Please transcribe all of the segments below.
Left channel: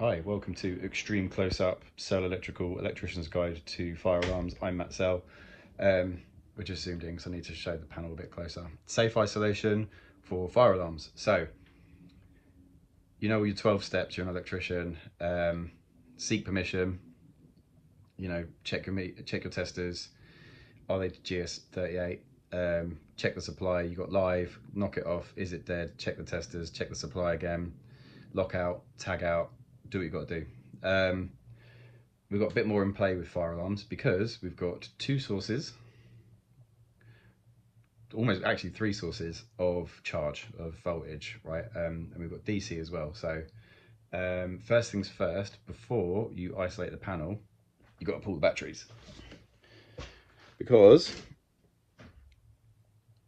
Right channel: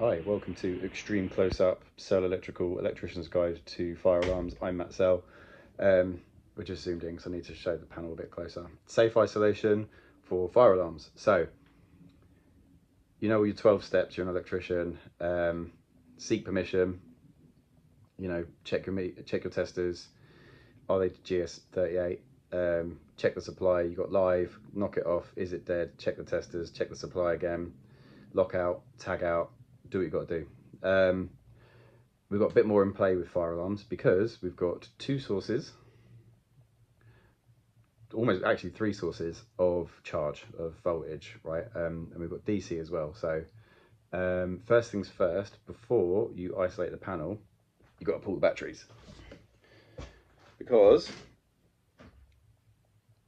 Hi, welcome to Extreme Close-Up Cell Electrical Electrician's Guide to Fire Alarms. I'm Matt Cell. We're just zoomed in because I need to show the panel a bit closer. Safe isolation for fire alarms. So, you know all your 12 steps, you're an electrician. Seek permission, check your testers. Are they GS38? Check the supply, you got live, knock it off, is it dead? Check the testers, check the supply again, lock out, tag out, do what you've got to do. We've got a bit more in play with fire alarms because we've got two sources, almost actually three sources of charge, of voltage, right? And we've got DC as well. So first things first, before you isolate the panel, you've got to pull the batteries. Because,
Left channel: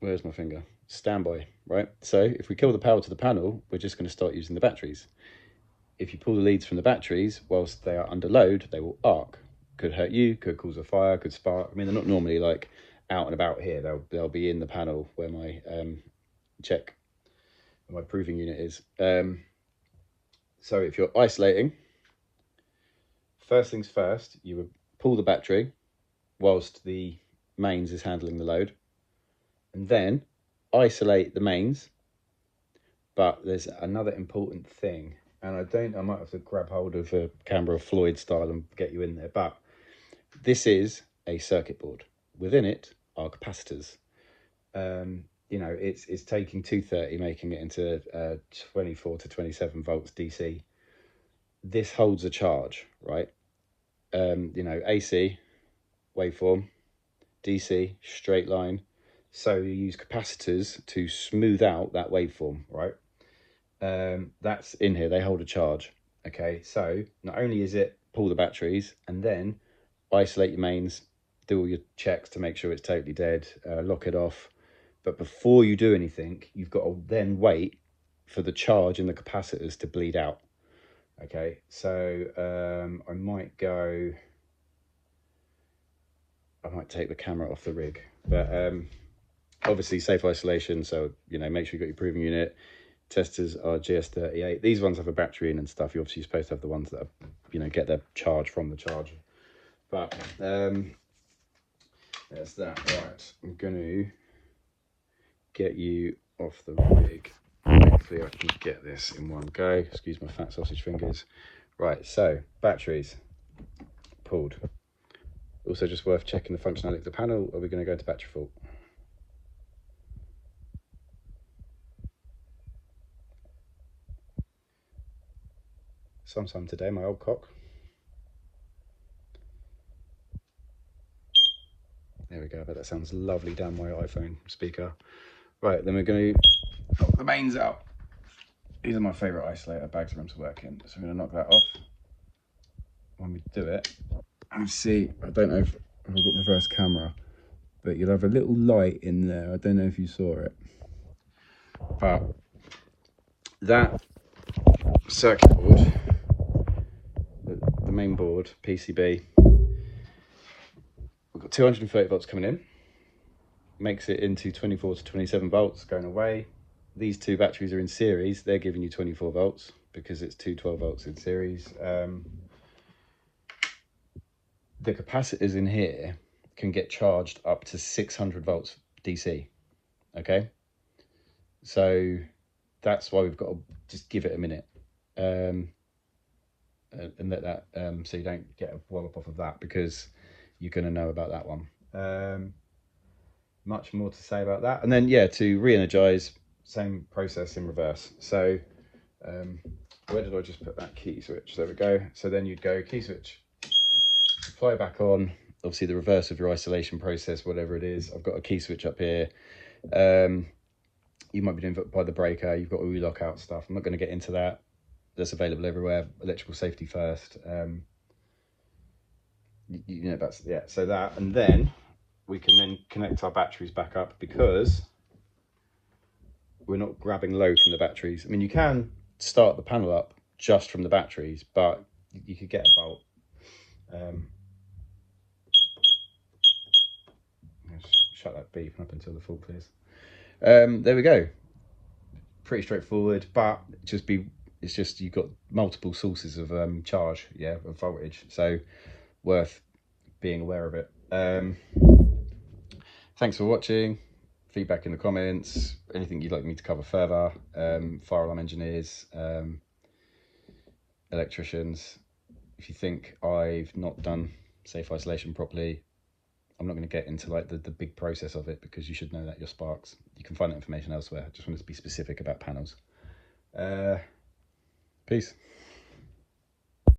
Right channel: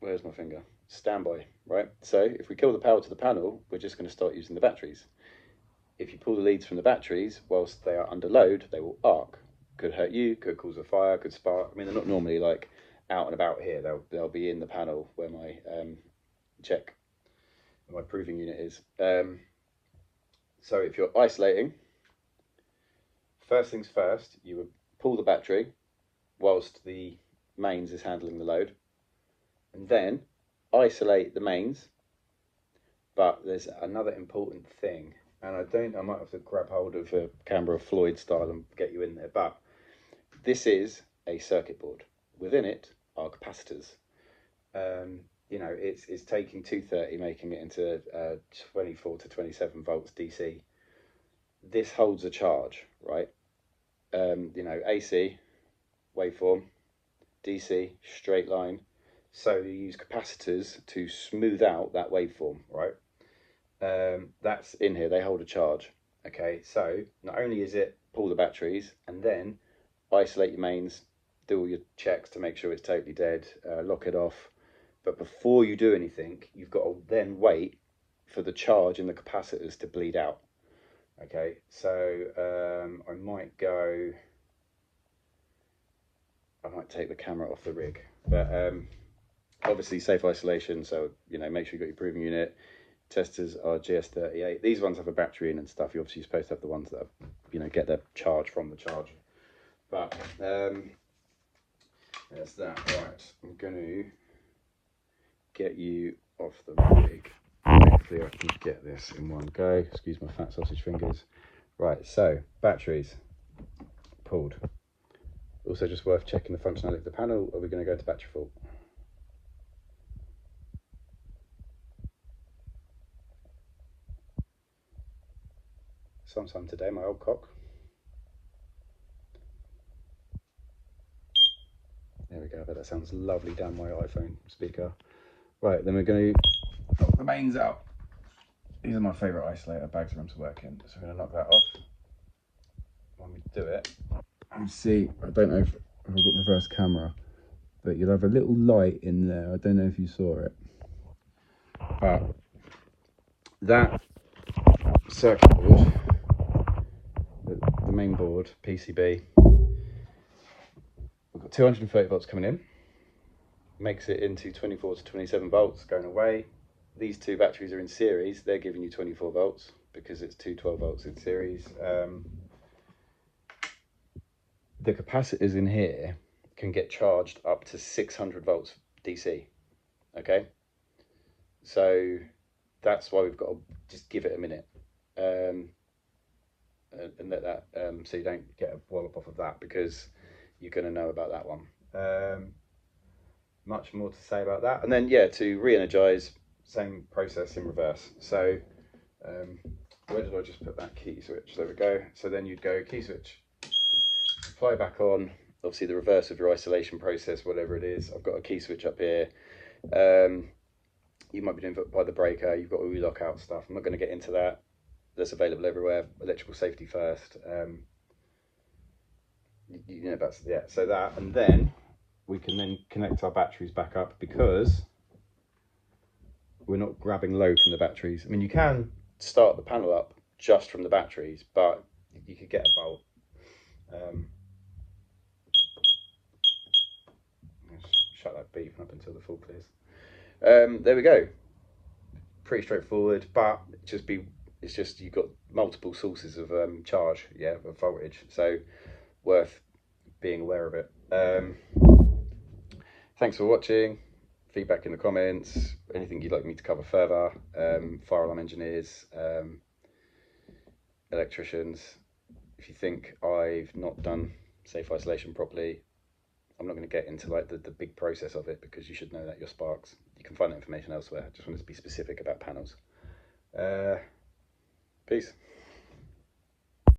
where's my finger? Standby, right? So if we kill the power to the panel, we're just going to start using the batteries. If you pull the leads from the batteries whilst they are under load, they will arc. Could hurt you, could cause a fire, could spark. I mean, they're not normally like out and about here. They'll be in the panel where my my proving unit is. So if you're isolating, first things first, you would pull the battery whilst the mains is handling the load, and then isolate the mains. But there's another important thing. And I might have to grab hold of the camera Floyd style and get you in there, but this is a circuit board. Within it are capacitors. It's taking 230, making it into 24 to 27 volts DC. This holds a charge, right? AC, waveform, DC, straight line. So you use capacitors to smooth out that waveform, right? That's in here, they hold a charge. Okay, so not only is it pull the batteries and then isolate your mains, do all your checks to make sure it's totally dead, lock it off, but before you do anything, you've got to then wait for the charge in the capacitors to bleed out. Okay, so I might take the camera off the rig, but obviously safe isolation, so make sure you've got your proving unit. Testers are GS38. These ones have a battery in and stuff. You're obviously supposed to have the ones that are, get their charge from the charger. But there's that. Right, I'm going to get you off the rig. Hopefully I can get this in one go. Excuse my fat sausage fingers. Right, so batteries pulled. Also just worth checking the functionality of the panel, or we're going to go to battery fault. Sometime today, my old cock. There we go, but that sounds lovely down my iPhone speaker. Right, then we're going to knock the mains out. These are my favourite isolator bags for them to work in. So I'm going to knock that off. When we do it, you see, I don't know if I've got reverse camera, but you'll have a little light in there. I don't know if you saw it. But that circuit board, the main board, PCB, we've got 230 volts coming in, makes it into 24 to 27 volts going away. These two batteries are in series, they're giving you 24 volts because it's two 12 volts in series. The capacitors in here can get charged up to 600 volts DC, okay? So that's why we've got to just give it a minute and let that, so you don't get a wallop off of that, because you're going to know about that one. Much more to say about that. And then, yeah, to re-energize, same process in reverse. So where did I just put that key switch? There we go. So then you'd go key switch, fly back on, obviously the reverse of your isolation process, whatever it is. I've got a key switch up here. You might be doing by the breaker, you've got all your lockout stuff. I'm not going to get into that. That's available everywhere. Electrical safety first. That's, yeah, so that, and then we can then connect our batteries back up, because we're not grabbing load from the batteries. I mean, you can start the panel up just from the batteries, but you could get a bolt. Shut that beeping up until the fault clears. There we go. Pretty straightforward, but It's just you've got multiple sources of charge, yeah, of voltage, so worth being aware of it. Thanks for watching. Feedback in the comments, anything you'd like me to cover further, fire alarm engineers, electricians. If you think I've not done safe isolation properly, I'm not going to get into like the big process of it, because you should know that your sparks. You can find that information elsewhere. I just wanted to be specific about panels. Peace.